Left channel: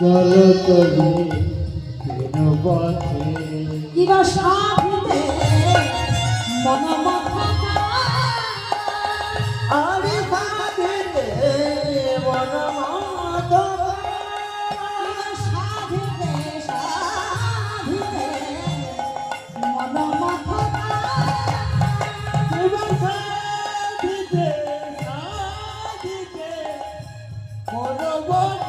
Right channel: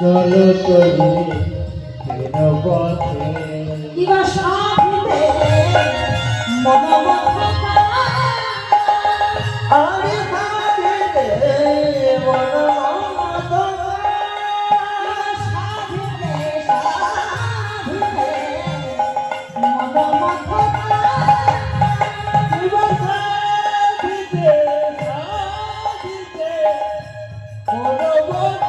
চলো চলে কেন পথে কিবা সাথে মনোমত আরে সাথে মনোমত কিবা সাথে মনোমত জীবন সাথে মনোমত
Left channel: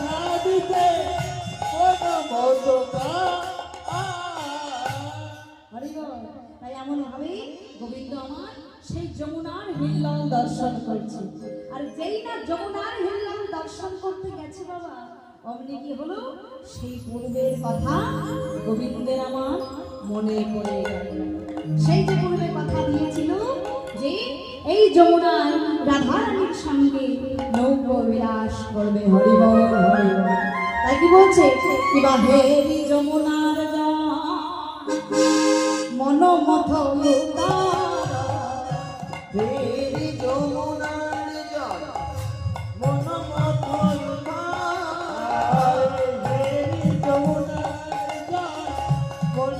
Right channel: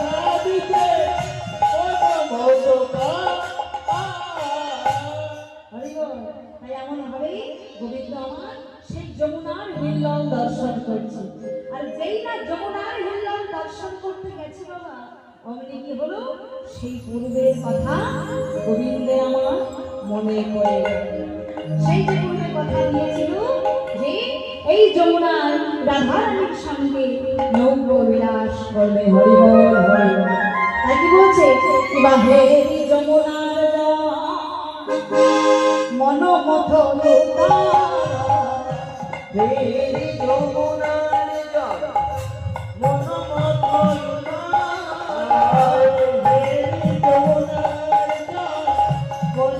সাধিতে মনোমত তাই এমন ভাবে গোবিন্দ আমার সেই যমুনার হিল্লোল দর্শন করছে। আর যেই না যমুনার হিল্লোল দর্শন করতে গেছে বাবা, অমনি কি হলো, সেই পূর্বের কথা গোবিন্দের আমার মনে পড়ে গেল। সেই যে পূর্বের কথা দিয়েছিল যে এই যমুনার রাধারানীর সঙ্গে নৌকো বিলাস করবে, হরিবল হরিবল। তাই কি বলছে, কিবা হেরি যমুনার মনোমথ তেরি যমুনার জল মনোমত তেরি যমুনার জল মনোমত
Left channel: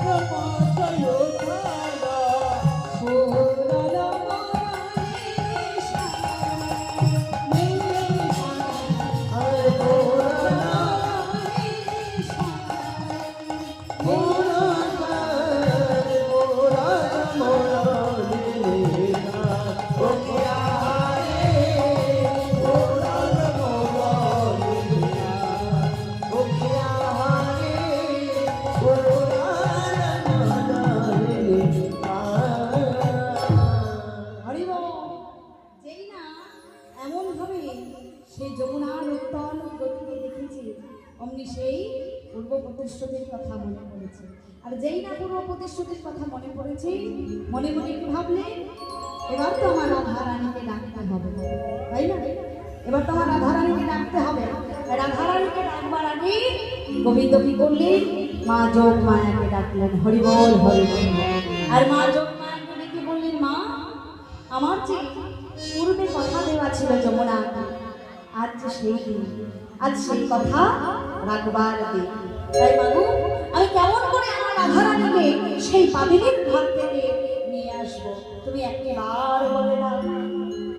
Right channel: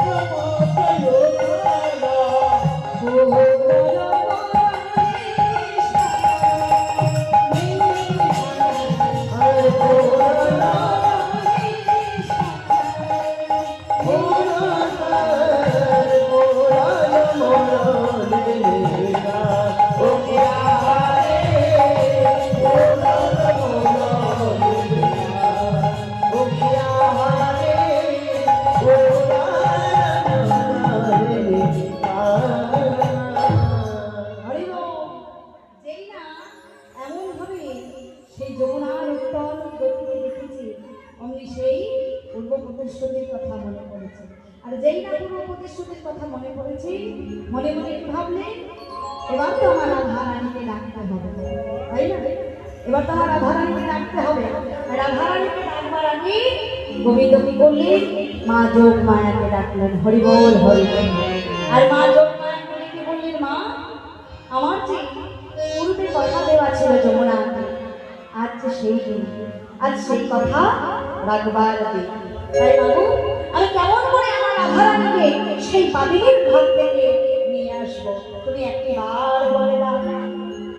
যেই না এমন ভাবে সেই যমুনার উত্তল গতিকে দেখেছি, অমনি সেই পূর্ব প্রতিশ্রুতির কথা মনে পড়েছে। আর যেই না পূর্ব প্রতিশ্রুতির কথা মনে পড়েছে, মনে মনে কি ভাবলে, এবার তো আমার রাধারানীকে ডাকতে হবে, তাই না? এবার তো আমার রাধারানীকে ডাকতে হবে। আর রাধারানীকে ডাকবার আগে গোবিন্দ কি করলেন, মা যোগ মায়াকে ডাকলেন, হরিবল হরিবল। আর মা যোগ মায়া বলে কি বললেন, মা আমার যে পূর্বে কথা দেওয়া ছিল যমুনাকে, আজ যে সেই দিন, আজ সেই কথা রাখবার দিন। তাই বাবু, আমি কেমন করে আমার রাধারানীকে সেই পাদিনীর ঘর